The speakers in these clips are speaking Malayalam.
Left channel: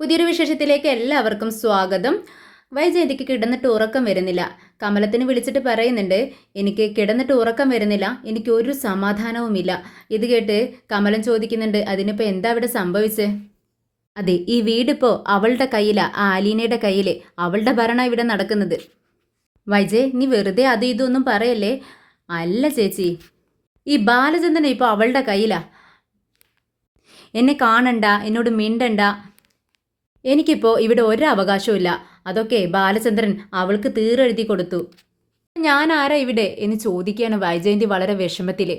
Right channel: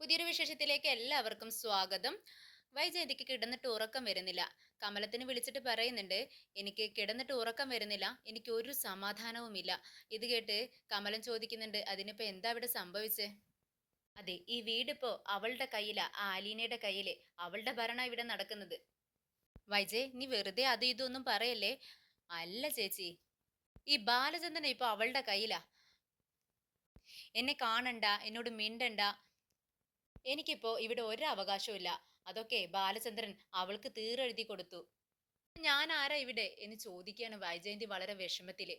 പുതിയൊരു വിശേഷത്തിലേക്ക് എല്ലാവർക്കും സ്വാഗതം. വൈജയന്തിക്ക് കിടന്നിട്ട് ഉറക്കം വരുന്നില്ല. കമലത്തിന് വിളിച്ചിട്ട് പറയുന്നുണ്ട് എനിക്ക് കിടന്നിട്ട് ഉറക്കം വരുന്നില്ല. എനിക്ക് ഒരു സമാധാനവുമില്ല. ഇത് കേട്ട് കമലൻ ചോദിക്കുന്നുണ്ട് അതിനിപ്പോൾ എന്താ ഇവിടെ സംഭവിച്ചേ? അതെ ഈ വീടിപ്പോൾ അവളുടെ കയ്യിലാണ് ആ ആലീനയുടെ കയ്യിൽ അവളുടെ ഭരണം ഇവിടെ നടക്കുന്നത്. വൈജയ് നീ വെറുതെ അത് ഇതൊന്നും പറയല്ലേ? അല്ല ചേച്ചി. ഈ ബാലചന്ദ്രൻ ഇപ്പോൾ അവളുടെ കയ്യിലാണ് എന്നെ കാണണ്ട എന്നോട് മിണ്ടണ്ട. എനിക്കിപ്പോൾ ഇവിടെ ഒരു അവകാശവുമില്ല അതൊക്കെ ബാലചന്ദ്രൻ അവൾക്ക് തീരെഴുതി കൊടുത്തു. ഞാൻ ആരാ ഇവിടെ? എന്ന് ചോദിക്കുകയാണ് വൈജയന്തി വളരെ വിഷമത്തിൽ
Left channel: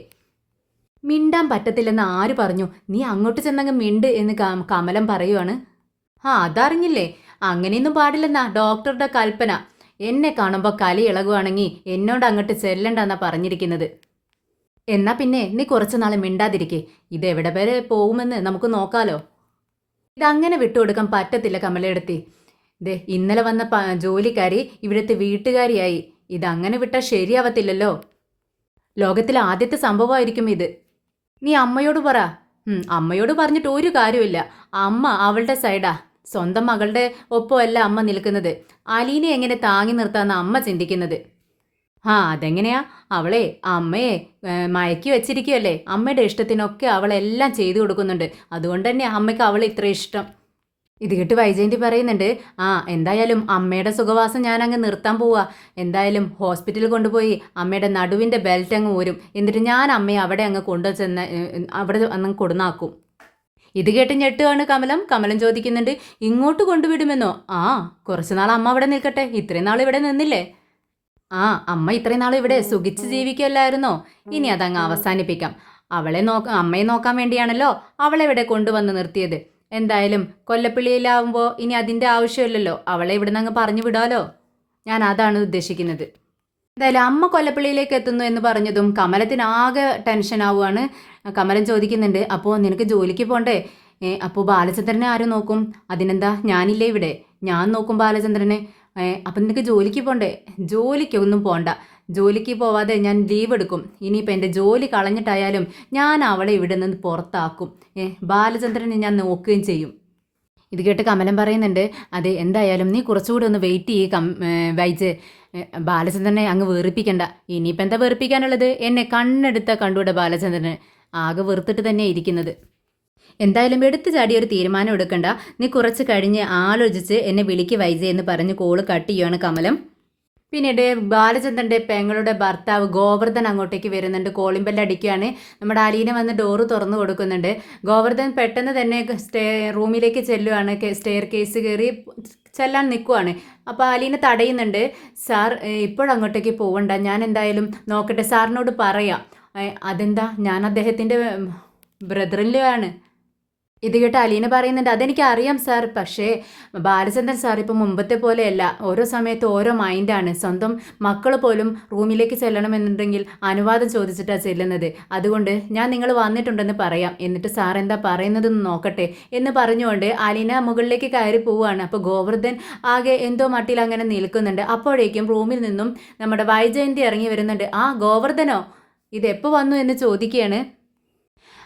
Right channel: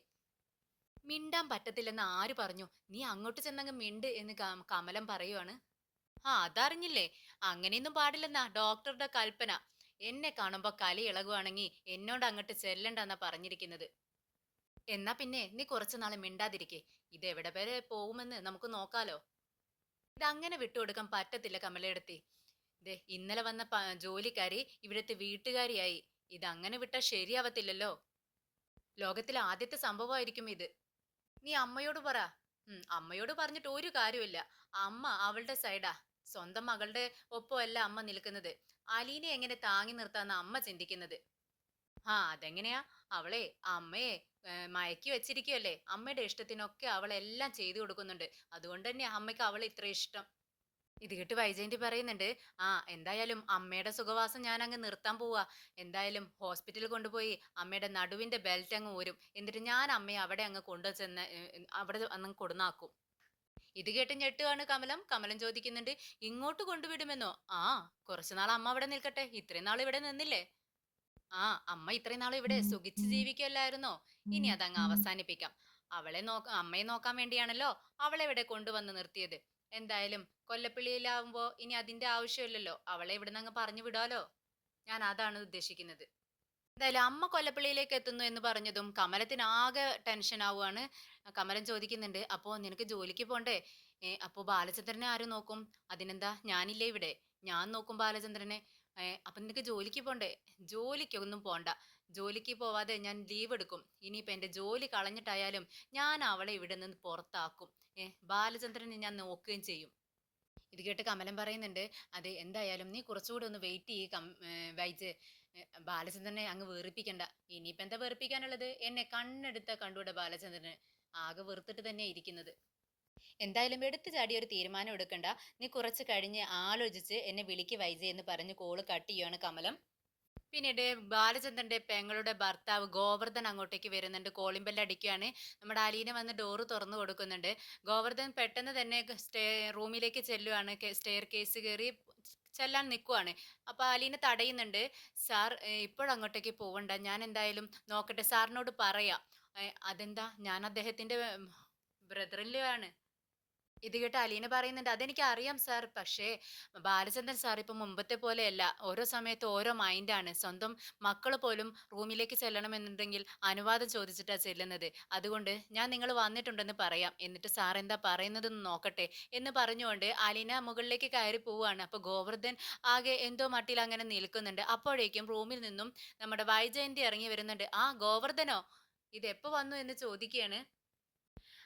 മിണ്ടാൻ പറ്റത്തില്ലെന്ന് ആര് പറഞ്ഞു? നീ അങ്ങോട്ട് ചെന്നങ്ങ് മിണ്ട് എന്ന് കമലം പറയുവാണ്. ആ അതറിഞ്ഞില്ലേ? അങ്ങനെയൊന്നും പാടില്ലെന്നാ ഡോക്ടറുടെ കൽപ്പന. എന്നെ കാണുമ്പോൾ കലി ഇളകുവാണെങ്കിൽ എന്നോട് അങ്ങോട്ട് ചെല്ലണ്ടെന്നാ പറഞ്ഞിരിക്കുന്നത്. എന്നാ പിന്നെ നീ കുറച്ച് നാൾ മിണ്ടാതിരിക്കേ. ഇതെവിടെ വരെ പോകുമെന്ന് നമുക്ക് നോക്കാലോ. ഇതങ്ങനെ വിട്ടുകൊടുക്കാൻ പറ്റത്തില്ല കമലയെടുത്തി. ദേ ഇന്നലെ വന്ന ജോലിക്കാരി ഇവിടുത്തെ വീട്ടുകാരിയായി. ഇതങ്ങനെ വിട്ടാൽ ശരിയാവത്തില്ലല്ലോ. ലോകത്തിലെ ആദ്യത്തെ സംഭവമായിരിക്കും ഇത്. നീ അമ്മയോട് പറ. അമ്മയോട് പറഞ്ഞിട്ട് ഒരു കാര്യമില്ല അമ്മ അവളുടെ സൈഡാ. സ്വന്തം മകളുടെ ഒപ്പമല്ല അമ്മ നിൽക്കുന്നത്. അലീനെ എങ്ങനെ താങ്ങി നിർത്താന്ന് അമ്മ ചിന്തിക്കുന്നത്. ആ അതെങ്ങനെയാ? അവളെ അമ്മയെ മയക്കി വെച്ചിരിക്കുകയല്ലേ അമ്മയുടെ ഇഷ്ടത്തിനൊക്കെ അവളെല്ലാം ചെയ്തു കൊടുക്കുന്നുണ്ട്. അതുകൊണ്ട് തന്നെ അമ്മയ്ക്ക് അവളെ ഇത്ര ഇഷ്ടം. ഇത് കേട്ട് വൈജയന്തി പറയുന്നുണ്ട് ആ എന്തായാലും അമ്മയുടെ സുഖവാസം ഞാൻ അങ്ങ് നിർത്താൻ പോവാ. എന്തായാലും ഹോസ്പിറ്റലിൽ കൊണ്ടുപോയി അമ്മയുടെ നടുവിന്റെ ബെൽറ്റ് അങ്ങ് ഊരും. എന്നിട്ട് ഞാൻ അമ്മയെ അവിടെ അങ്ങ് കൊണ്ടു ചെന്ന് അവിടെ അങ്ങ് കൊടുന്നാക്കും. ഇത് കേട്ട് ഞെട്ടുകയാണ് കമലം. കമലം ചോദിക്കുന്നുണ്ട് ഇങ്ങോട്ട് കൊണ്ടുവിടുമെന്നോ? ആ കുറച്ച് നാൾ അമ്മ അവിടെ നിൽക്കട്ടെ. ഇത്രയും നാൾ ഇവിടെ നിന്നില്ലേ? ആ അമ്മ ഇത്രയും നാൾ ഇവിടെ സുഖിച്ച് ജീവിക്കുമല്ലായിരുന്നോ ഇനി അതങ്ങ് അവസാനിപ്പിക്കാം. അവളെ നോക്ക അമ്മയെ നോക്കാൻ വേണ്ടിയാണല്ലോ അവളെ ഇവിടെ കൊണ്ടുവന്ന് നിർത്തിയത്. എന്തായാലും കൊല്ലപ്പിള്ളിയിലാവുമ്പോൾ ഇനി അതിന്റെ ആവശ്യമില്ലല്ലോ. അവളെ ഇവിടുന്ന് അങ്ങ് പറഞ്ഞു വിടാലോ? ഞാൻ അതാണ് ഉദ്ദേശിക്കുന്നത്. എന്തായാലും അമ്മ കൊല്ലപ്പള്ളിയിലേക്ക് എത്തുന്നു എന്ന് പറഞ്ഞതും കമലത്തിന് ആകെ ടെൻഷൻ ആവുകയാണ് കമലൻ ചോദിക്കുന്നുണ്ട് അപ്പോൾ നിനക്ക് ജോലിക്ക് പോണ്ടേ? അപ്പോൾ ബാലചന്ദ്രനെ ആരും നോക്കും? അതിനെന്താ? ഞാനില്ലേ ഇവിടെ. ഞാൻ നോക്കും ബാലചന്ദ്രനെ. അപ്പം നിനക്ക് ജോലിക്ക് പോണ്ടേ? ജോലിക്കൊന്നും പോണ്ട. ജോലിക്ക് പോവാതെ ഞാൻ ലീവ് എടുക്കും. ഇനിയിപ്പോൾ എന്റെ ജോലി കളഞ്ഞിട്ടായാലും ഞാൻ അവളെ ഇവിടെ നിന്ന് പുറത്താക്കും. ഏ ബാലചന്ദ്രനെ ഞാൻ നോക്കുകയും ചെയ്യും. ഇത് കേട്ട് കമലം പറയുന്നുണ്ട് അതെ എന്തായാലും നീ കുറച്ചുകൂടി ഒന്ന് വെയിറ്റ് ചെയ്യ് കം വൈജ്. ബാലചന്ദ്രനെ അങ്ങ് വെറുപ്പിക്കണ്ട. ഇനിയിപ്പോൾ എന്താ വെറുപ്പിക്കാനുള്ളത്? എന്നെ കണ്ണെടുത്ത കണ്ടുകൂടെ ബാലചന്ദ്രന്. ആകെ വെറുത്തിട്ട് തന്നെ ഇരിക്കുന്നത്. എന്തായാലും എടുത്തു ചാടി ഒരു തീരുമാനം എടുക്കണ്ട. നീ കുറച്ച് കഴിഞ്ഞ് ആലോചിച്ച് എന്നെ വിളിക്ക് വൈജ എന്ന് പറഞ്ഞ് കോൾ കട്ട് ചെയ്യുകയാണ് കമലം. പിന്നീട് ബാലചന്ദ്രന്റെ പെങ്ങളുടെ ഭർത്താവ് ഗോവർദ്ധൻ അങ്ങോട്ടേക്ക് വരുന്നുണ്ട്. കോളിംഗ് ബെല്ല് അടിക്കുകയാണ്. നമ്മുടെ അലീന വന്ന് ഡോറ് തുറന്നു കൊടുക്കുന്നുണ്ട്. ഗോവർദ്ധൻ പെട്ടെന്ന് തന്നെ സ്റ്റേ റൂമിലേക്ക് ചെല്ലുവാണ്. സ്റ്റെയർ കേസ് കയറി ചെല്ലാൻ നിൽക്കുവാണ് അപ്പോൾ അലീന തടയുന്നുണ്ട്. സാർ ഇപ്പോഴങ്ങോട്ടേക്ക് പോവണ്ട. ഞാൻ എന്തായാലും നോക്കട്ടെ. സാറിനോട് പറയാം. അതെന്താ? ഞാൻ അദ്ദേഹത്തിന്റെ ബ്രദറിലാണ് ഇത് കേട്ട് അലീന പറയുന്നുണ്ട് അതെനിക്ക് അറിയാം സാർ പക്ഷേ ബാലചന്ദ്രൻ സാർ ഇപ്പം മുമ്പത്തെ പോലെയല്ല. ഓരോ സമയത്ത് ഓരോ മൈൻഡാണ് സ്വന്തം മക്കൾ പോലും റൂമിലേക്ക് ചെല്ലണമെന്നുണ്ടെങ്കിൽ അനുവാദം ചോദിച്ചിട്ടാണ് ചെല്ലുന്നത്. അതുകൊണ്ട് ഞാൻ നിങ്ങൾ വന്നിട്ടുണ്ടെന്ന് പറയാം. എന്നിട്ട് സാർ എന്താ പറയുന്നതെന്ന് നോക്കട്ടെ. എന്ന് പറഞ്ഞുകൊണ്ട് അലീന മുകളിലേക്ക് കയറി പോവുകയാണ്. അപ്പോൾ ഗോവർദ്ധൻ ആകെ എന്തോ മട്ടിൽ അങ്ങനെ നിൽക്കുന്നുണ്ട്. അപ്പോഴേക്കും റൂമിൽ നിന്നും നമ്മുടെ വൈജയന്തി ഇറങ്ങി വരുന്നുണ്ട്. ആ ഗോവർദ്ധനോ? ഇതെപ്പോൾ വന്നു? എന്ന് ചോദിക്കുകയാണ്.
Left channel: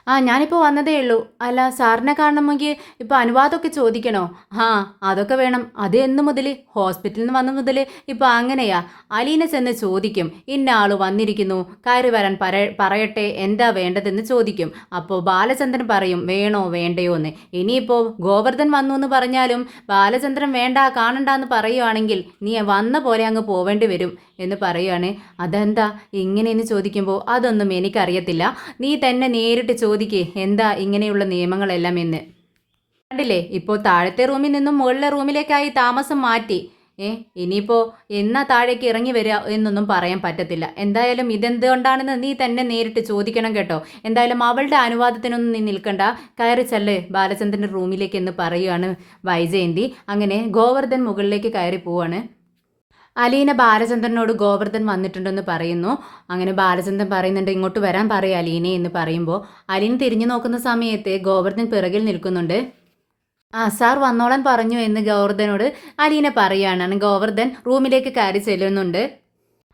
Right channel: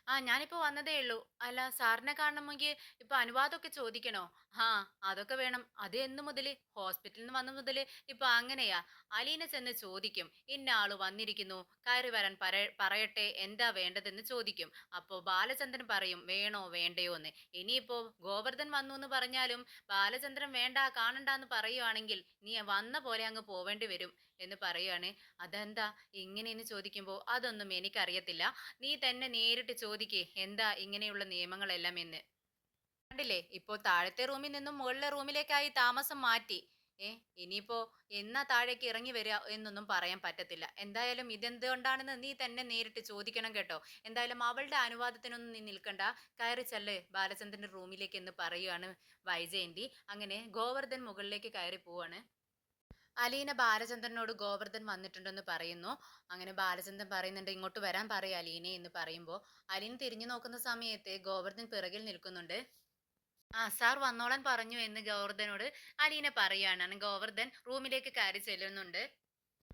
ആ ഞാനിപ്പോൾ വന്നതേ ഉള്ളൂ. അല്ല സാറിനെ കാണണമെങ്കിൽ ഇപ്പോൾ അനുവാദമൊക്കെ ചോദിക്കണോ? ആ അതൊക്കെ വേണം. അത് എന്ന് മുതൽ ഹോസ്പിറ്റലിൽ നിന്ന് വന്ന മുതൽ ഇപ്പോൾ അങ്ങനെയാ. അലീന ചെന്ന് ചോദിക്കും. ഇന്ന ആൾ വന്നിരിക്കുന്നു. കയറി വരാൻ പറ പറയട്ടെ. എന്താ വേണ്ടതെന്ന് ചോദിക്കും. അപ്പോൾ ബാലചന്ദ്രൻ പറയും വേണോ വേണ്ടയോ എന്ന് ഇനിയിപ്പോൾ ഗോവർദ്ധൻ വന്നു എന്ന് പറഞ്ഞാലും ബാലചന്ദ്രൻ വേണ്ട കാണണ്ട എന്ന് പറയുവാണെങ്കിൽ നീ വന്ന പോലെ അങ്ങ് പോവേണ്ടി വരും എന്ന് പറയുകയാണ് അതെന്താ? ഇങ്ങനെയെന്ന് ചോദിക്കുമ്പോൾ അതൊന്നും എനിക്കറിയത്തില്ല. നീ തന്നെ നേരിട്ട് എന്താ ഇങ്ങനെയുള്ള നിയമങ്ങളെല്ലാം എന്ന്. കണ്ടില്ലേ ഇപ്പോൾ താഴത്തെ റൂമിൽ നിന്നും മുകളിലെ റൂമിലേക്കായി താമസം മാറ്റി. ഏ ഇനിയിപ്പോൾ എന്നാ താഴേക്ക് ഇറങ്ങി വരിക എന്നൊന്നും പറയാൻ പറ്റത്തില്ല. എന്തായാലും ഇതെന്തുകൊണ്ടാണെന്ന് നീ തന്നെ നേരിട്ട് ചോദിക്കണം കേട്ടോ. എന്തായാലും അവളുടെ അനുവാദത്തിനൊന്നും നീ നിൽക്കണ്ട. കയറി ചെല്ല് ബാലചന്ദ്രന്റെ റൂമിലേക്ക് എന്ന് പറയുകയാണ് വൈജയന്തി. അങ്ങനെ ഗോവർദ്ധൻ മുകളിലേക്ക് കയറി പോവാണ്. അലീന ബാലചന്ദ്രനോട് ഗോവർദ്ധൻ വന്നിട്ടുണ്ടെന്ന് പറയുന്നു. അങ്ങനെ ബാലചന്ദ്രൻ പറയുന്നുണ്ട് ഇങ്ങോട്ട് വരാൻ പറയും അലീനെ എന്ന് പറയുമ്പോൾ അലീൻ തിരിഞ്ഞു നോക്കുന്ന സമയത്ത് ഗോവർദ്ധൻ പിറകിൽ നിൽക്കുന്നുണ്ട്. ആ സാർ വന്നോളാൻ പറഞ്ഞു എന്ന് ഗോവർദ്ധനോട് അലീന പറയുകയാണ് ഗോവർദ്ധൻ റൂമിലേക്ക് കയറി ചെല്ലുന്നുണ്ട്.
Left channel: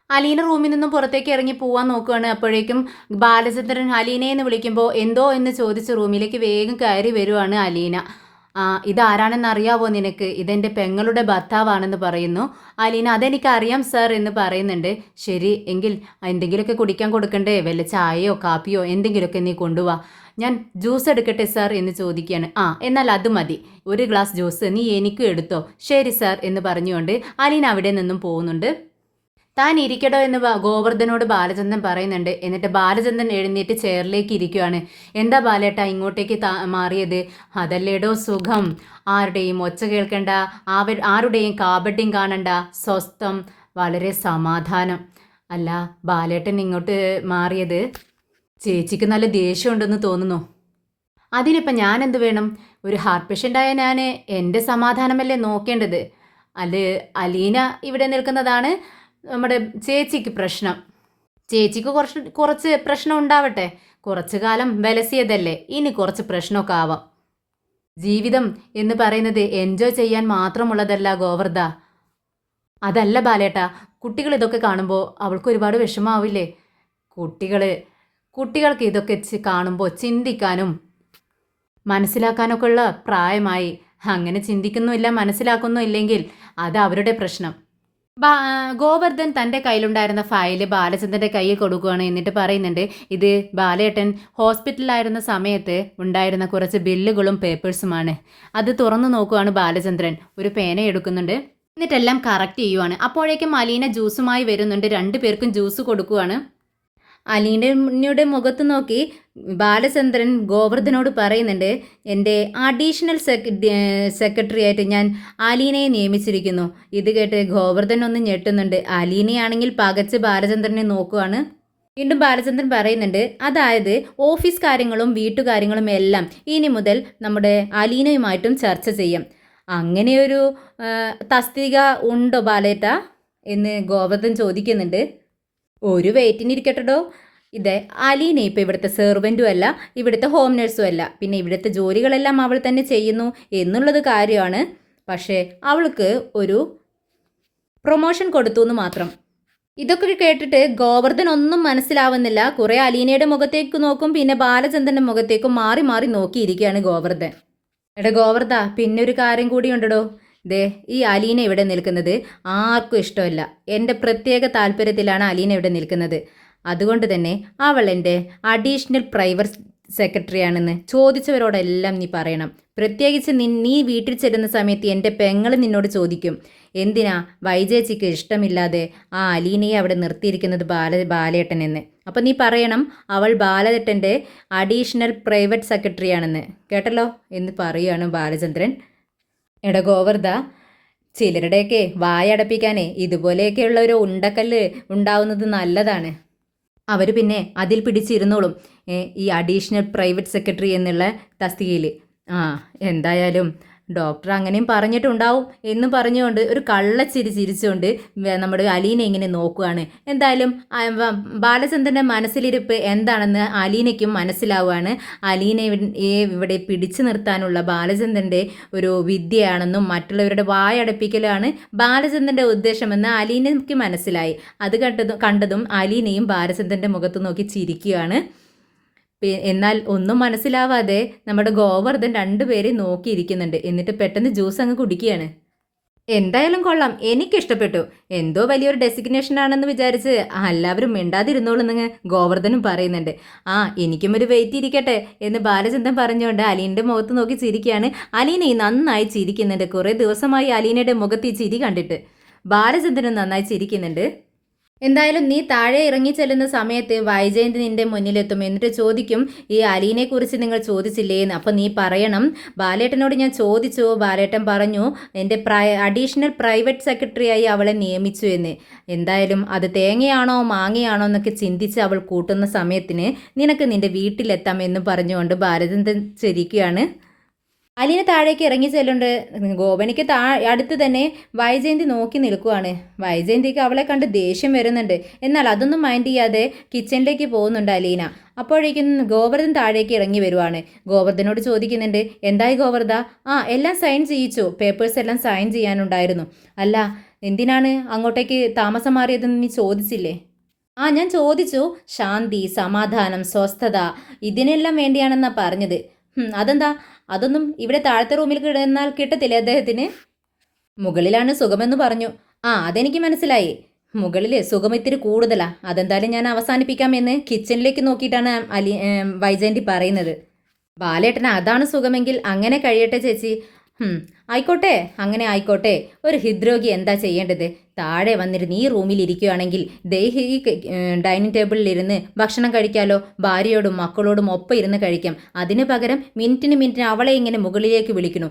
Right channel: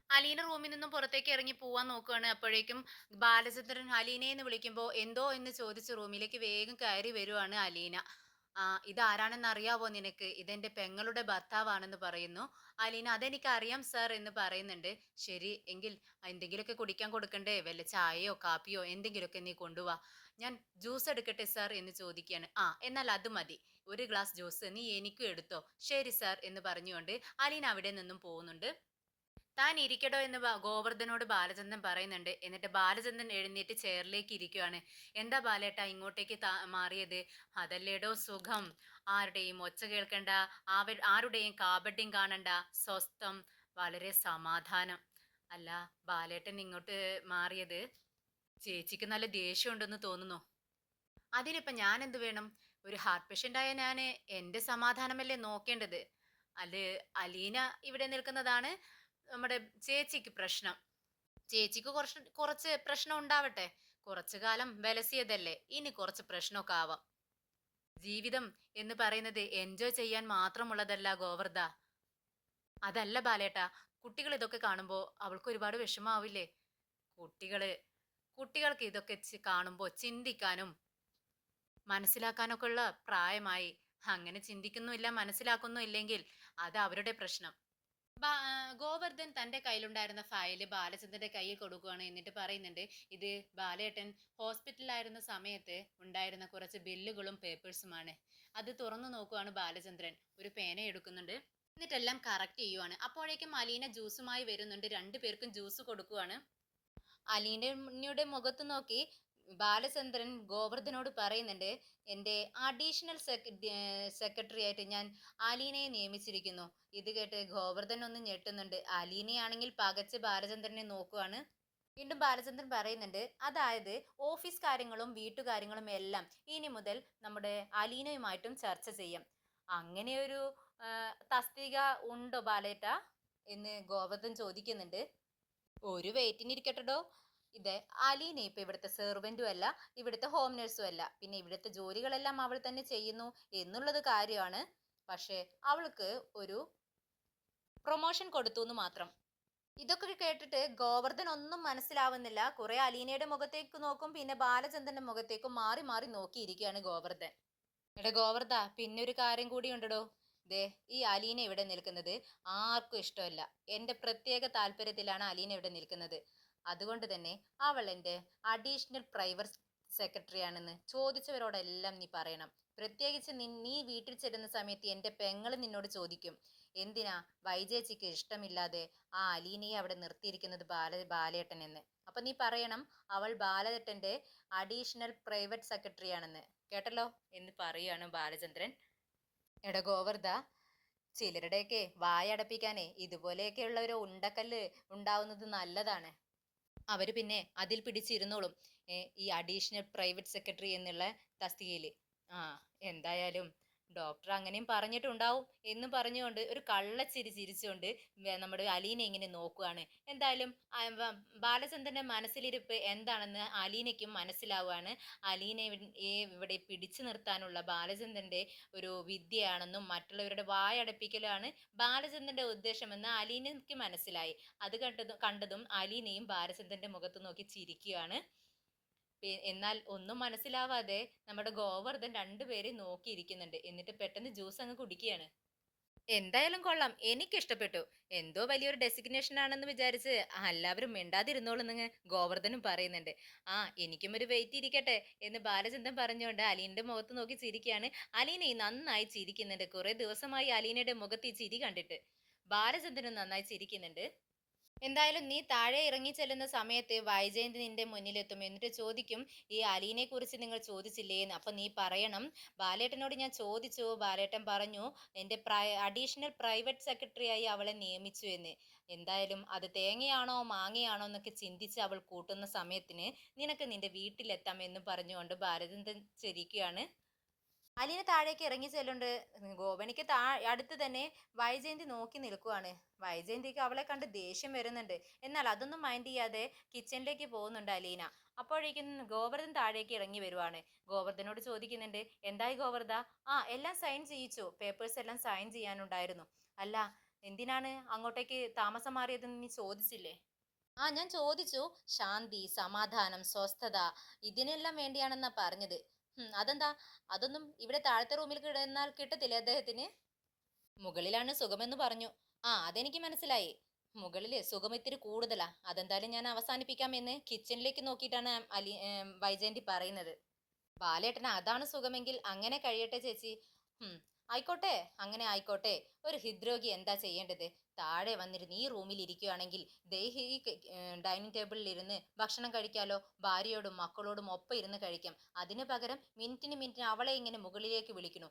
അലീന റൂമിൽ നിന്നും പുറത്തേക്ക് ഇറങ്ങി പോവാൻ നോക്കുകയാണ് അപ്പോഴേക്കും ബാലചന്ദ്രൻ അലീനയെന്ന് വിളിക്കുമ്പോൾ എന്തോ? എന്ന് ചോദിച്ച് റൂമിലേക്ക് വേഗം കയറി വരുവാണ് അലീന. ഇതാരാണെന്ന് അറിയാവോ നിനക്ക്? ഇതെന്റെ പെങ്ങളുടെ ഭർത്താവാണെന്ന് പറയുന്നു. അലീന അതെനിക്ക് അറിയാം സർ എന്ന് പറയുന്നുണ്ട്. ശരി എങ്കിൽ എന്തെങ്കിലുമൊക്കെ കുടിക്കാൻ കൊടുക്കണ്ടേ? വല്ല ചായയോ കാപ്പിയോ എന്തെങ്കിലുമൊക്കെ നീ കൊണ്ടുപോവാ ഞാൻ ജ്യൂസ് എടുക്കട്ടെ സാർ എന്ന് ചോദിക്കുകയാണ്. ആ എന്നാൽ അത് മതി. ഒരു ഗ്ലാസ് ജ്യൂസ് നീ എനിക്കും എടുത്തോ? ശരി സാർ എന്ന് പറഞ്ഞുകൊണ്ട് അലീന അവിടെ നിന്നും പോകുന്നുണ്ട്. താൻ ഇരിക്കടോ എന്ന് ഗോവർദ്ധനോട് ബാലചന്ദ്രൻ പറയുന്നുണ്ട്. എന്നിട്ട് ബാലചന്ദ്രൻ എഴുന്നേറ്റ് ചെയറിലേക്ക് ഇരിക്കുകയാണ് എന്താ ബാലേട്ട ഇങ്ങോട്ടേക്ക് മാറിയത്? അതല്ലേടോ സുഖം. ആരുടെയും ഒച്ച കേൾക്കണ്ട. ആവ ആരുടെയും കാപട്യം കാണണ്ട. സ്വസ്ഥം. വളരെ സമാധാനം. അല്ല ബാലേട്ടൻ ഇങ്ങോട്ട് മാറിയത്? ചേച്ചിക്ക് നല്ല ദേഷ്യമുണ്ടെന്ന് തോന്നുന്നു. അതിനിപ്പം ഞാൻ എന്ത് വേണം? ഒരു ഹാർട്ട് പേഷ്യന്റായ ഞാൻ എന്റെ സമാധാനമല്ലേ നോക്കേണ്ടത്? അല്ല അലീന ഇവിടെ നിൽക്കുന്നതാണ്. നമ്മുടെ ചേച്ചിക്ക് പ്രശ്നം. ചേച്ചിക്ക് കുറച്ച് കുറച്ച് പ്രശ്നം ഉണ്ടാവട്ടെ. കുറച്ചു കാലം വിലസിയതല്ലേ. ഇനി കുറച്ച് പ്രശ്നമൊക്കെ ആവാം. ജീവിതം എന്ന് പറയുന്നത് എൻജോയ് ചെയ്യാൻ മാത്രമുള്ളതല്ല ഗോവർദ്ധ. അതല്ല ബാലേട്ട കുട്ടികൾ ഇതൊക്കെ കാണുമ്പോൾ അവൾക്ക് ഒരുപാട് വിഷമാവില്ലേ? കുട്ടികൾ കുട്ടികൾക്ക് ഇതൊക്കെ കാണുമ്പോൾ ചിന്തിക്കാനും മനസ്സിലാക്കാനൊക്കെ ഉള്ള പ്രായമായി. അങ്ങനെ ചിന്തിക്കുന്നുമില്ല മനസ്സിലാക്കുന്നു ഇല്ലെങ്കിൽ അത് അവരുടെ പ്രശ്നം. ഗോവർദ്ധൻ തന്റെ കയ്യിലുണ്ടായിരുന്ന ഫയൽ ബാലചന്ദ്രന്റെ കയ്യിൽ കൊടുക്കുകയാണ് എന്നിട്ട് പറയുന്നുണ്ട് ഇത് ബാലേട്ടൻ ഹോസ്പിറ്റലിലായിരുന്ന സമയത്ത് ഉണ്ടായിരുന്ന കുറച്ച് ബില്ലുകളും പേപ്പേഴ്സുമാണ്. അത് തുറന്നു നോക്കുകയാണ് ബാലചന്ദ്രൻ. ഒരു പേന എടുക്കുന്നുണ്ട്. എന്നിട്ടെല്ലാം കറക്റ്റ് ചെയ്യുവാണ്. അപ്പോഴേക്കും മലീന ജ്യൂസുമായി വരുന്നുണ്ട്. രണ്ടു പേർക്കും ജ്യൂസ് കൊടുക്കുകയാണ് അലീനയുടെ മുഖത്ത് നോക്കി ബാലചന്ദ്രൻ ഗോവർദ്ധനോട് പറയുന്നുണ്ട് എന്റെ അഡീഷണൽ സെക്രട്ടറി ആയിട്ട് ഞാൻ അലീനയെ നിയമിച്ചിരിക്കുന്നു. ഇത് കേട്ട് ഗോവർദ്ധൻ ഒന്ന് ഞെട്ടുന്നുണ്ട്. അലീനയാണെങ്കിൽ പകച്ച് ബാലചന്ദ്രനെ നോക്കുവാണ്. വീണ്ടും ബാലചന്ദ്രൻ പറയുന്നുണ്ട് അതായത് ഓഫീസ് കാര്യങ്ങളും വീട്ടുകാര്യങ്ങളും എല്ലാം ഇനി മുതൽ നമ്മുടെ അലീനയുമായിട്ടും ചർച്ച ചെയ്യാം. അങ്ങനെയൊരു തസ്തിക ഉണ്ടോ ബാലേട്ട? എന്ന് ഗോവർദ്ധൻ ചോദിക്കുന്നുണ്ട്. ഒരു വെയിറ്റിനിരിക്കട്ടോ ഇത് അലീനെ ഇപ്പോൾ ഇവിടുത്തെ സെർവന്റും അല്ല ഇവിടുത്തെ ഹോം നഴ്സും അല്ല. പിന്നെ ഇവിടുത്തെ ജോലികളെല്ലാം അവൾ തന്നെ ചെയ്യുന്നു എന്നുള്ളത് കാര്യമാണ്. പക്ഷേ അവൾക്ക് ഒരു പ്രൊമോഷൻ കൊടുത്തു എന്ന് മാത്രം. ഇതൊക്കെ കേട്ടിട്ട് ഗോവർദ്ധൻ ഒന്നും മനസ്സിലാവുന്നില്ല. കുറേ അലീനയുടെ മുഖത്തേക്ക് നോക്കും പിന്നെ ബാലചന്ദ്രന്റെ മുഖത്തേക്കും മാറി മാറി നോക്കിയിരിക്കുകയാണ് ഗോവർദ്ധൻ. എടാ ഗോവർദ്ധ പിന്നെ ഒരു കാര്യം കൂടി ഉണ്ടടോ. ദേ ഈ അലീന ഇവിടെ നിൽക്കുന്നത് ആർക്കും ഇഷ്ടമല്ല. എന്റെ പ്രത്യേക താല്പര്യത്തിലാണ് അലീന ഇവിടെ നിൽക്കുന്നത്. അതുകൊണ്ട് തന്നെ അവൾ എന്റെ അഡീഷണൽ പ്രൈവറ്റ് സെക്രട്ടറിയാണെന്ന് ചോദിച്ചവരോടെല്ലാം നീ പറയണം. പ്രത്യേകിച്ച് നീ നീ വീട്ടിൽ ചെല്ലുന്ന സമയത്ത് എന്റെ പെങ്ങൾ നിന്നോട് ചോദിക്കും എന്തിനാ വൈജേച്ചിക്ക് ഇഷ്ടമില്ലാതെ ആ അലീനയെ അവിടെ നിർത്തിയിരിക്കുന്നത് ബാല ബാലേട്ടൻ എന്ന് അപ്പം നീ പറയണം അവൾ ബാലേട്ടന്റെ അഡീഷണൽ പ്രൈവറ്റ് സെക്രട്ടറിയാണെന്ന്. കേട്ടല്ലോ? എന്ന് പറയുകയാണ് ബാലചന്ദ്രൻ. എടാ ഗോവർദ്ധ ചിലരുടെയൊക്കെ വായടപ്പിക്കാനേ ഇതുപോലെയൊക്കെയുള്ള ഒരു ഉണ്ടക്കല്ല് ഉണ്ടാവുന്നത് നല്ലതാണ്. അവർ പിന്നെ അതിൽ പിടിച്ചിരുന്നോളും ഈ അഡീഷണൽ പ്രൈവറ്റ് സെക്രട്ടറി എന്നുള്ള തസ്തികയിൽ ആ എന്തായാലും ഡോക്ടർ അങ്ങനെയും പറഞ്ഞിട്ടുണ്ടാവും എന്ന് പറഞ്ഞുകൊണ്ട് ഒരു കള്ളച്ചിരി ചിരിച്ചുകൊണ്ട് നമ്മുടെ അലീനെ ഇങ്ങനെ നോക്കുകയാണ് എന്തായാലും ബാലചന്ദ്രന്റെ മനസ്സിലിരിപ്പ് എന്താണെന്ന് അലീനയ്ക്കും മനസ്സിലാവുകയാണ് അലീന ഇവ- ഇവിടെ പിടിച്ചു നിർത്താനുള്ള ബാലചന്ദ്രന്റെ ഒരു വിദ്യയാണെന്നും മറ്റുള്ളവരുടെ വായടപ്പിക്കലാണ് ബാലചന്ദ്രന്റെ ഉദ്ദേശമെന്ന് അലീനയ്ക്ക് മനസ്സിലായി. അത് കണ്ടതും കണ്ടതും അലീനയും ബാലചന്ദ്രന്റെ മുഖത്ത് നോക്കി ചിരിക്കുകയാണ് എന്നാൽ ഒന്നും മനസ്സിലാവാതെ നമ്മുടെ ഗോവർദ്ധൻ രണ്ടുപേരെയും നോക്കിയിരിക്കുന്നുണ്ട്. എന്നിട്ട് പെട്ടെന്ന് ജ്യൂസ് അങ്ങ് കുടിക്കുകയാണ്. എന്തായാലും കൊള്ളാം. എനിക്കിഷ്ടപ്പെട്ടു. എന്തോ വലിയൊരു ഡെസിഗ്നേഷൻ ആണെന്ന് വിചാരിച്ച് എല്ലാവരും മിണ്ടാതിരുന്നോളെന്ന് ഗോവർദ്ധനും പറയുന്നുണ്ട്. ആ എനിക്കും ഒരു വെയിറ്റ് ഇരിക്കട്ടെ എന്ന് ബാലചന്ദ്രൻ പറഞ്ഞുകൊണ്ട് അലീന്റെ മുഖത്ത് നോക്കി ചിരിക്കുകയാണ്. അലീന നന്നായി ചിരിക്കുന്നുണ്ട്. കുറേ ദിവസമായി അലീനയുടെ മുഖത്ത് ഈ ചിരി കണ്ടിട്ട്. ബാലചന്ദ്രനും നന്നായി ചിരിക്കുന്നുണ്ട്. എന്തായാലും നീ താഴെ ഇറങ്ങി ചെല്ലുന്ന സമയത്ത് വൈജയന്തി നിന്റെ മുന്നിലെത്തും. എന്നിട്ട് ചോദിക്കും ഈ അലീനെ കുറിച്ച് നിങ്ങൾ ചോദിച്ചില്ലേ? എന്ന്. അപ്പം നീ പറയണം ബാലേട്ടനോട് ഞാൻ ചോദിച്ചു. ബാലേട്ടൻ പറഞ്ഞു എന്റെ പ്രൈ അഡീഷണൽ പ്രൈവറ്റ് സെക്രട്ടറിയായി അവളെ നിയമിച്ചു എന്ന്. എന്തായാലും അത് തേങ്ങയാണോ മാങ്ങയാണോ എന്നൊക്കെ ചിന്തിച്ച് അവൾ കൂട്ടുന്ന സമയത്തിന് നിനക്ക് നിന്റെ വീട്ടിലെത്താം എന്ന് പറഞ്ഞുകൊണ്ട് ഭാരതൻ ചിരിക്കുകയാണ്. അലീന താഴേക്ക് ഇറങ്ങി ചെല്ലുണ്ട് ഗോപനിക്ക് താ അടുത്ത് തന്നെ വൈജയന്തി നോക്കി നിൽക്കുവാണ്. വൈജയന്തിക്ക് അവളെ കണ്ട് ദേഷ്യം വരുന്നുണ്ട്. എന്നാൽ അതൊന്നും മൈൻഡ് ചെയ്യാതെ കിച്ചണിലേക്ക് പോകുന്നുണ്ട് അലീന. അപ്പോഴേക്കും ഗോവർദ്ധൻ താഴേക്ക് ഇറങ്ങി വരുവാണ്. ഗോവർദ്ധനോട് ചോദിക്കുന്നുണ്ട് എന്തായി ഗോവർദ്ധ? ആ എല്ലാം സൈൻ ചെയ്യിച്ചു. പേപ്പേഴ്സ് എല്ലാം സൈൻ ചെയ്യാനുണ്ടായിരുന്നു. അല്ല എന്തിനാണ് അങ്ങോട്ടേക്ക് താമസം മാറിയതെന്ന് നീ ചോദിച്ചില്ലേ? ആ ഞാൻ ചോദിച്ചു. ശാന്തി സമാധാനം സ്വസ്ഥത ഇതിനെല്ലാം വേണ്ടിയാണെന്നാണ് പറഞ്ഞത്. അതെന്താ? അതൊന്നും ഇവിടെ താഴത്തെ റൂമിൽ കിടന്നാൽ കിട്ടത്തില്ലേ അദ്ദേഹത്തിന്? മുകളിലാണ് സുഖമെന്ന് പറഞ്ഞു. ആ അതെനിക്ക് മനസ്സിലായി. മുകളിൽ സുഖം ഇത്തിരി കൂടുതലാ. അതെന്തായാലും ഞാൻ അവസാനിപ്പിക്കാമെന്ന് കിച്ചണിലേക്ക് നോക്കിയിട്ടാണ് അലി വൈജയന്തി പറയുന്നത്. ബാലേട്ടന് അതാണ് സുഖമെങ്കിൽ അങ്ങനെ കഴിയട്ടെ ചേച്ചി. ആയിക്കോട്ടെ അങ്ങനെ ആയിക്കോട്ടെ. ഒരു ഹൃദ്രോഗി എന്താ ചെയ്യേണ്ടത്? താഴെ വന്നിരുന്ന് ഈ റൂമിൽ ഇരിക്കുകയാണെങ്കിൽ ദേഹി ഡൈനിങ് ടേബിളിൽ ഇരുന്ന് ഭക്ഷണം കഴിക്കാലോ ഭാര്യയോടും മക്കളോടും ഒപ്പം ഇരുന്ന് കഴിക്കാം. അതിന് പകരം മിനിറ്റിന് മിനിറ്റിന് അവളെ ഇങ്ങനെ മുകളിലേക്ക് വിളിക്കണു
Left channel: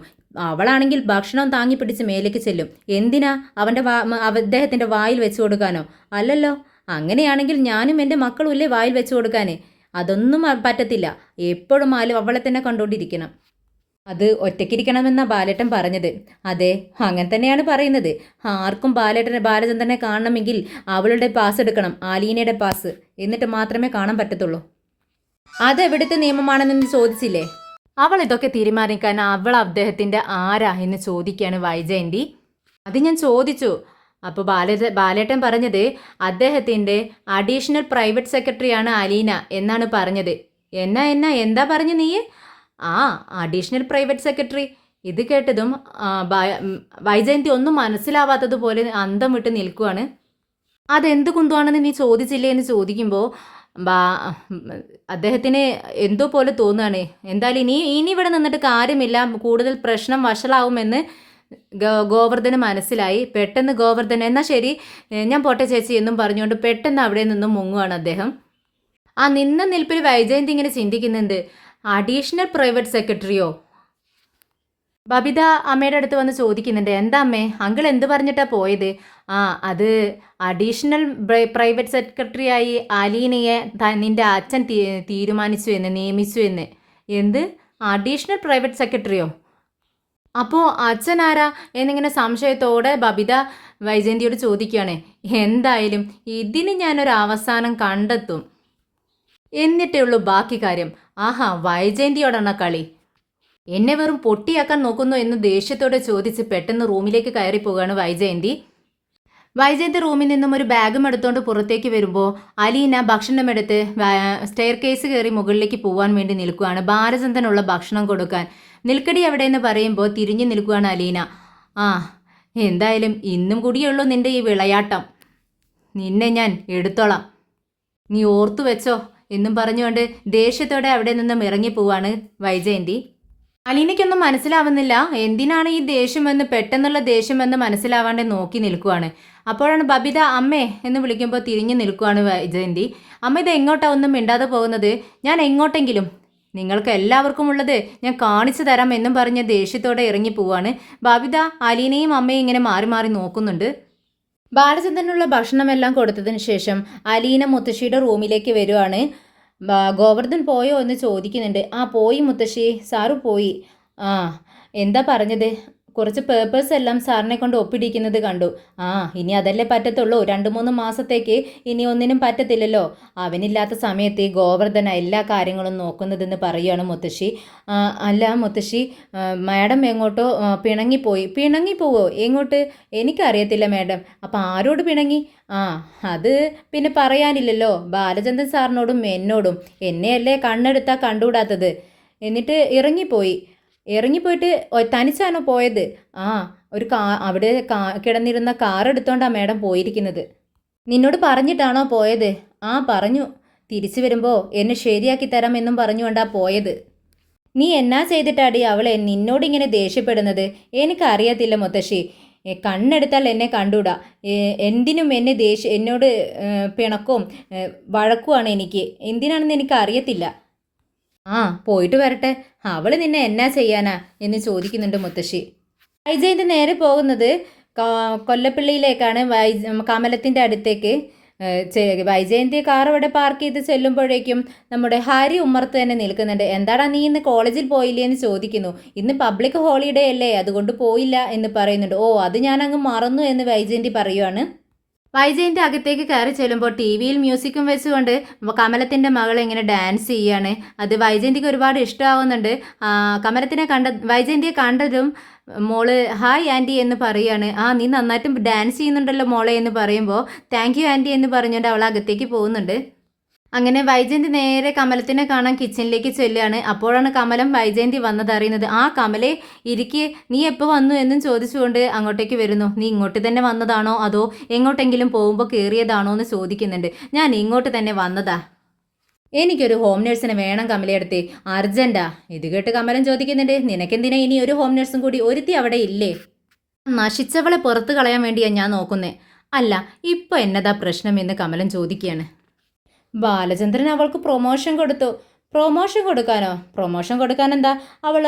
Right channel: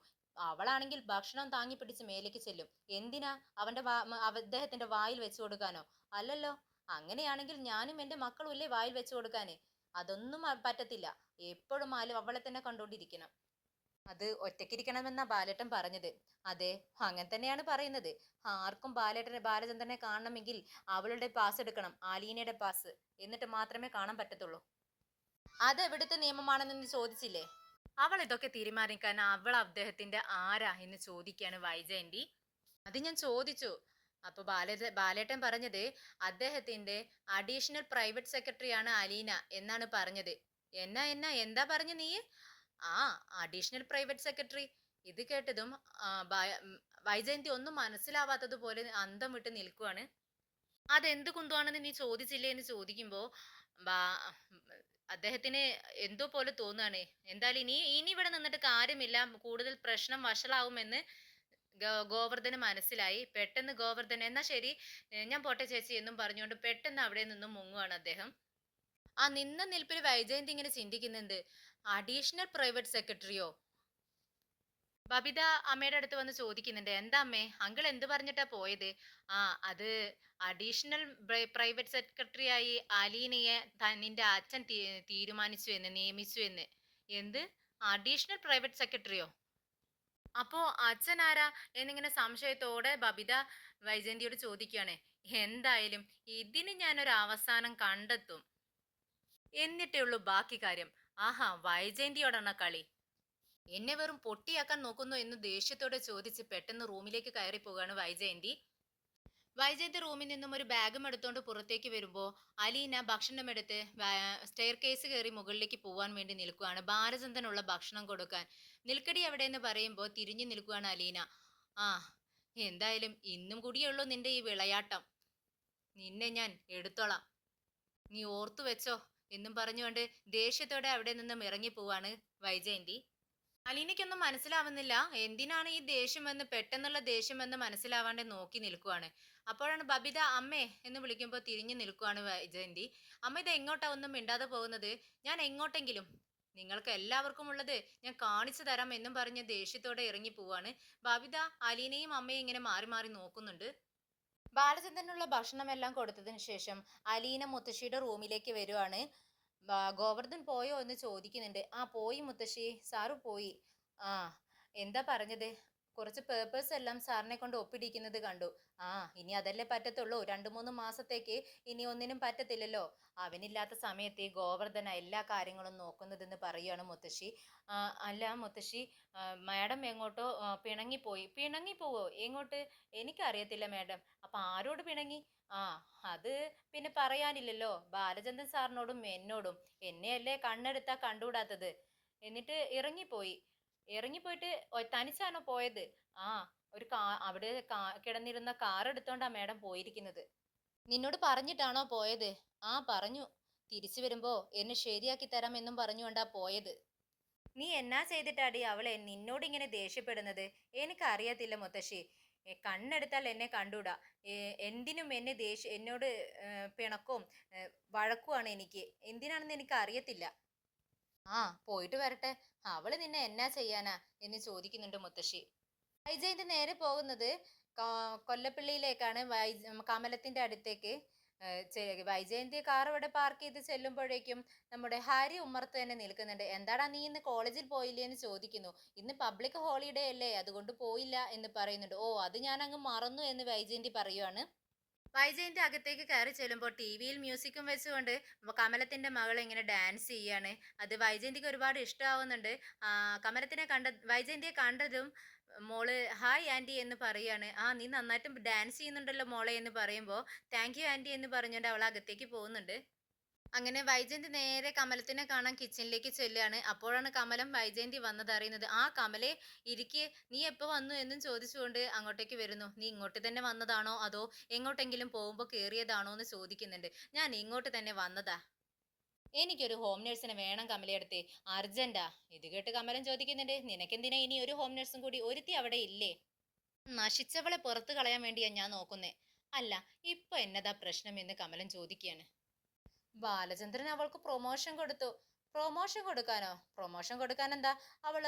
അവളാണെങ്കിൽ ഭക്ഷണം താങ്ങി പിടിച്ച് മേലേക്ക് ചെല്ലും. എന്തിനാ? അവന്റെ അദ്ദേഹത്തിന്റെ വായിൽ വെച്ച് കൊടുക്കാനോ? അല്ലല്ലോ. അങ്ങനെയാണെങ്കിൽ ഞാനും എന്റെ മക്കളും ഇല്ലേ വായിൽ വെച്ച് കൊടുക്കാനേ? അതൊന്നും പറ്റത്തില്ല. എപ്പോഴും ആലും അവളെ തന്നെ കണ്ടുകൊണ്ടിരിക്കണം. അത് ഒറ്റയ്ക്കിരിക്കണമെന്ന ബാലേട്ടൻ പറഞ്ഞത്. അതെ അങ്ങനെ തന്നെയാണ് പറയുന്നത്. ആർക്കും ബാലേട്ടനെ ബാലചന്ദ്രനെ കാണണമെങ്കിൽ അവളുടെ പാസ് എടുക്കണം ആലീനയുടെ പാസ്. എന്നിട്ട് മാത്രമേ കാണാൻ പറ്റത്തുള്ളൂ. അതെവിടുത്തെ നിയമമാണെന്ന് ചോദിച്ചില്ലേ? അവൾ ഇതൊക്കെ തീരുമാനിക്കാൻ അവൾ അദ്ദേഹത്തിന്റെ ആരാ എന്ന് ചോദിക്കുകയാണ് വൈജയന്തി. അത് ഞാൻ ചോദിച്ചു. അപ്പോൾ ബാല ബാലേട്ടൻ പറഞ്ഞത് അദ്ദേഹത്തിന്റെ അഡീഷണൽ പ്രൈവറ്റ് സെക്രട്ടറിയാണ് അലീന എന്നാണ് പറഞ്ഞത്. എന്നാ എന്നാ എന്താ പറഞ്ഞു നീ ആ അഡീഷണൽ പ്രൈവറ്റ് സെക്രട്ടറി ഇത് കേട്ടതും വൈജയന്തി ഒന്നും മനസ്സിലാവാത്തതുപോലെ അന്തം വിട്ട് നിൽക്കുവാണ്. അതെന്ത് കുന്തുവാണെന്ന് നീ ചോദിച്ചില്ലേ എന്ന് ചോദിക്കുമ്പോൾ ബാ അദ്ദേഹത്തിന് എന്തോ പോലെ തോന്നുകയാണ്. എന്തായാലും ഇനി ഇനി ഇവിടെ നിന്നിട്ട് കാര്യമില്ല. കൂടുതൽ പ്രശ്നം വഷളാവുമെന്ന് ഗോവർദ്ധന് മനസ്സിലായി. പെട്ടെന്ന് ഗോവർദ്ധൻ എന്നാൽ ശരി ഞാൻ പോട്ടെ ചേച്ചി എന്നും പറഞ്ഞുകൊണ്ട് പെട്ടെന്ന് അവിടെ നിന്നും മുങ്ങുവാണ് അദ്ദേഹം. ആ നിന്ന നിൽപ്പിൽ വൈജയന്തി ഇങ്ങനെ ചിന്തിക്കുന്നുണ്ട്. അഡീഷണൽ പ്രൈവറ്റ് സെക്രട്ടറിയോ ബബിത അമ്മയുടെ അടുത്ത് വന്ന് ചോദിക്കുന്നുണ്ട്. എന്താ അമ്മേ? അങ്കിൾ എന്ത് പറഞ്ഞിട്ടാ പോയത്? ആ അത് അഡീഷണൽ പ്രൈവറ്റ് സെക്രട്ടറിയായി അലീനയെ നിന്റെ അച്ഛൻ തീരുമാനിച്ചു എന്ന് നിയമിച്ചു എന്ന്. എന്ത്? അഡീഷണൽ പ്രൈവറ്റ് സെക്രട്ടറിയോ അപ്പോൾ അച്ഛൻ ആരാ എന്നിങ്ങനെ സംശയത്തോടെ ബബിത വൈജയന്തിയോട് ചോദിക്കുകയാണ്. എന്തായാലും ഇതിന് ഞാനൊരു അവസാനം കണ്ടെത്തും. എന്നിട്ടേ ഉള്ളൂ ബാക്കി കാര്യം. ആഹാ വൈജയന്തിയോടാണ് കളി. എന്നെ വെറും പൊട്ടിയാക്കാൻ നോക്കുന്നു എന്ന് ദേഷ്യത്തോടെ ചോദിച്ച് പെട്ടെന്ന് റൂമിലേക്ക് കയറി പോവുകയാണ് വൈജയന്തി വൈജയന്തി റൂമിൽ നിന്നും ഒരു ബാഗും എടുത്തുകൊണ്ട് പുറത്തേക്ക് വരുമ്പോൾ അലീന ഭക്ഷണമെടുത്ത് സ്റ്റെയർ കേസ് കയറി മുകളിലേക്ക് പോകാൻ വേണ്ടി നിൽക്കുകയാണ് ബാലചന്ദ്രനുള്ള ഭക്ഷണം കൊടുക്കാൻ. നിൽക്കടി എവിടെ എന്ന് പറയുമ്പോൾ തിരിഞ്ഞു നിൽക്കുകയാണ് അലീന. ആ എന്തായാലും ഇന്നും കൂടിയുള്ളൂ നിന്റെ ഈ വിളയാട്ടം. നിന്നെ ഞാൻ എടുത്തോളാം. നീ ഓർത്തു വെച്ചോ? എന്നും പറഞ്ഞുകൊണ്ട് ദേഷ്യത്തോടെ അവിടെ നിന്നും ഇറങ്ങി ഇറങ്ങിപ്പോവാണ് വൈജയന്തി. അലീനയ്ക്കൊന്നും മനസ്സിലാവുന്നില്ല. എന്തിനാണ് ഈ ദേഷ്യമെന്ന് പെട്ടെന്നുള്ള ദേഷ്യമെന്ന് മനസ്സിലാവാണ്ട് നോക്കി നിൽക്കുവാണ്. അപ്പോഴാണ് ബബിത അമ്മേ എന്ന് വിളിക്കുമ്പോൾ തിരിഞ്ഞു നിൽക്കുവാണ് വൈജയന്തി. അമ്മ ഇത് എങ്ങോട്ടാ? ഒന്നും മിണ്ടാതെ പോകുന്നത്. ഞാൻ എങ്ങോട്ടെങ്കിലും. നിങ്ങൾക്ക് എല്ലാവർക്കും ഉള്ളത് ഞാൻ കാണിച്ചു തരാം എന്നും പറഞ്ഞ് ദേഷ്യത്തോടെ ഇറങ്ങി പോവാണ്. ബബിത അലീനയും അമ്മയും ഇങ്ങനെ മാറി മാറി നോക്കുന്നുണ്ട്. ബാലചന്ദ്രനുള്ള ഭക്ഷണമെല്ലാം കൊടുത്തതിന് ശേഷം അലീന മുത്തശ്ശിയുടെ റൂമിലേക്ക് വരുവാണ്. ഗോവർദ്ധൻ പോയോ എന്ന് ചോദിക്കുന്നുണ്ട്. ആ പോയി മുത്തശ്ശി. സാറു പോയി. ആ എന്താ പറഞ്ഞത്? കുറച്ച് പേപ്പേഴ്സ് എല്ലാം സാറിനെ കൊണ്ട് ഒപ്പിടിക്കുന്നത് കണ്ടു. ആ ഇനി അതല്ലേ പറ്റത്തുള്ളൂ. രണ്ട് മൂന്ന് മാസത്തേക്ക് ഇനി ഒന്നിനും പറ്റത്തില്ലല്ലോ. അവനില്ലാത്ത സമയത്ത് ഈ ഗോവർദ്ധന എല്ലാ കാര്യങ്ങളും നോക്കുന്നതെന്ന് പറയുകയാണ് മുത്തശ്ശി. അല്ല മുത്തശ്ശി മാഡം എങ്ങോട്ടോ പിണങ്ങിപ്പോയി. പിണങ്ങിപ്പോവോ? എങ്ങോട്ട്? എനിക്കറിയത്തില്ല മാഡം. അപ്പം ആരോട് പിണങ്ങി? ആ അത് പിന്നെ പറയാനില്ലല്ലോ. ബാലചന്ദ്രൻ സാറിനോടും എന്നോടും. എന്നെയല്ലേ കണ്ണെടുത്താൽ കണ്ടുകൂടാത്തത്? എന്നിട്ട് ഇറങ്ങിപ്പോയി. ഇറങ്ങിപ്പോയിട്ട് പോയിട്ട് തനിച്ചാണോ പോയത്? ആ ഒരു കാ അവിടെ കാ കിടന്നിരുന്ന കാർ എടുത്തോണ്ടാ മാഡം പോയിരിക്കുന്നത്. നിന്നോട് പറഞ്ഞിട്ടാണോ പോയത്? ആ പറഞ്ഞു. തിരിച്ചു വരുമ്പോൾ എന്നെ ശരിയാക്കി തരാം എന്നും പറഞ്ഞുകൊണ്ടാ പോയത്. നീ എന്നാ ചെയ്തിട്ടാടി അവളെ നിന്നോട് ഇങ്ങനെ ദേഷ്യപ്പെടുന്നത്? എനിക്കറിയത്തില്ല മുത്തശ്ശി. കണ്ണെടുത്താൽ എന്നെ കണ്ടൂടാ. എന്തിനും എന്നെ ദേഷ്യ എന്നോട് പിണക്കവും വഴക്കുമാണ് എനിക്ക്. എന്തിനാണെന്ന് എനിക്ക് അറിയത്തില്ല ആ പോയിട്ട് വരട്ടെ. അവൾ നിന്നെ എന്നാ ചെയ്യാനാ എന്ന് ചോദിക്കുന്നുണ്ട് മുത്തശ്ശി. വൈജയന്തി നേരെ പോകുന്നത് കൊല്ലപ്പള്ളിയിലേക്കാണ്. വൈ കമലത്തിന്റെ അടുത്തേക്ക്. വൈജയന്തി കാർ അവിടെ പാർക്ക് ചെയ്ത് ചെല്ലുമ്പോഴേക്കും നമ്മുടെ ഹരി ഉമ്മർത്ത് തന്നെ നിൽക്കുന്നുണ്ട്. എന്താടാ നീ ഇന്ന് കോളേജിൽ പോയില്ലേ? എന്ന് ചോദിക്കുന്നു. ഇന്ന് പബ്ലിക് ഹോളിഡേ അല്ലേ? അതുകൊണ്ട് പോയില്ല എന്ന് പറയുന്നുണ്ട്. ഓ അത് ഞാൻ അങ്ങ് മറന്നു എന്ന് വൈജയന്തി പറയുവാണ്. വൈജയന്തി അകത്തേക്ക് കയറി ചെല്ലുമ്പോൾ ടി വിയിൽ മ്യൂസിക്കും വെച്ചുകൊണ്ട് കമലത്തിന്റെ മകൾ ഇങ്ങനെ ഡാൻസ് ചെയ്യാണ്. അത് വൈജയന്തിക്ക് ഒരുപാട് ഇഷ്ടമാവുന്നുണ്ട് കമലത്തിനെ കണ്ട വൈജയന്തിയെ കണ്ടതും മോൾ ഹായ് ആന്റി എന്ന് പറയാണ്. ആ നീ നന്നായിട്ട് ഡാൻസ് ചെയ്യുന്നുണ്ടല്ലോ മോളെ എന്ന് പറയുമ്പോൾ താങ്ക് യു ആന്റി എന്ന് പറഞ്ഞുകൊണ്ട് അവൾ അകത്തേക്ക് പോകുന്നുണ്ട്. അങ്ങനെ വൈജയന്തി നേരെ കമലത്തിനെ കാണാൻ കിച്ചണിലേക്ക് ചെല്ലുകയാണ്. അപ്പോഴാണ് കമലം വൈജയന്തി വന്നത് അറിയുന്നത്. ആ കമലെ ഇരിക്കെ. നീ എപ്പോൾ വന്നു എന്നും ചോദിച്ചുകൊണ്ട് അങ്ങോട്ടേക്ക് വരുന്നു. നീ ഇങ്ങോട്ട് തന്നെ വന്നതാണോ? അതോ എങ്ങോട്ടെങ്കിലും പോകുമ്പോൾ കയറിയതാണോ എന്ന് ചോദിക്കുന്നുണ്ട്. ഞാൻ ഇങ്ങോട്ട് തന്നെ വന്നതാ. എനിക്കൊരു ഹോം നേഴ്സിനെ വേണം കമലയെടുത്ത് അർജന്റാ ഇത് കേട്ട് കമലം ചോദിക്കുന്നുണ്ട്. നിനക്കെന്തിനാ ഇനി ഒരു ഹോം നേഴ്സും കൂടി? ഒരുത്തി അവിടെ ഇല്ലേ? നശിച്ചവളെ പുറത്ത് കളയാൻ വേണ്ടിയാണ് ഞാൻ നോക്കുന്നത് അല്ല ഇപ്പോൾ എന്നതാ പ്രശ്നം? എന്ന് കമലം ചോദിക്കുകയാണ്. ബാലചന്ദ്രൻ അവൾക്ക് പ്രൊമോഷൻ കൊടുത്തു. പ്രൊമോഷൻ കൊടുക്കാനോ? പ്രൊമോഷൻ കൊടുക്കാൻ എന്താ അവൾ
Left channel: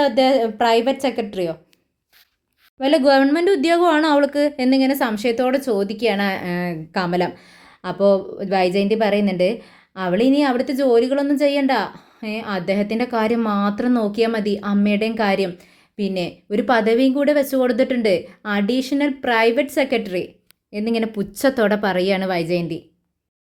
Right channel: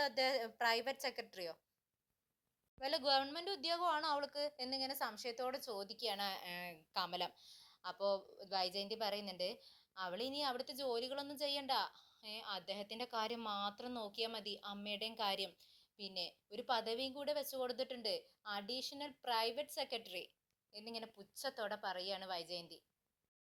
പ്രൈവറ്റ് സെക്രട്ടറിയോ വല്ല ഗവൺമെന്റ് ഉദ്യോഗമാണോ അവൾക്ക്? എന്നിങ്ങനെ സംശയത്തോടെ ചോദിക്കുകയാണ് കമലം. അപ്പോൾ വൈജയന്തി പറയുന്നുണ്ട് ഇനി അവിടുത്തെ ജോലികളൊന്നും ചെയ്യണ്ട. അദ്ദേഹത്തിന്റെ കാര്യം മാത്രം നോക്കിയാൽ മതി അമ്മയുടെയും കാര്യം. പിന്നെ ഒരു പദവിയും കൂടെ വെച്ചു കൊടുത്തിട്ടുണ്ട് അഡീഷണൽ പ്രൈവറ്റ് സെക്രട്ടറി എന്നിങ്ങനെ പുച്ഛത്തോടെ പറയുകയാണ് വൈജയന്തി.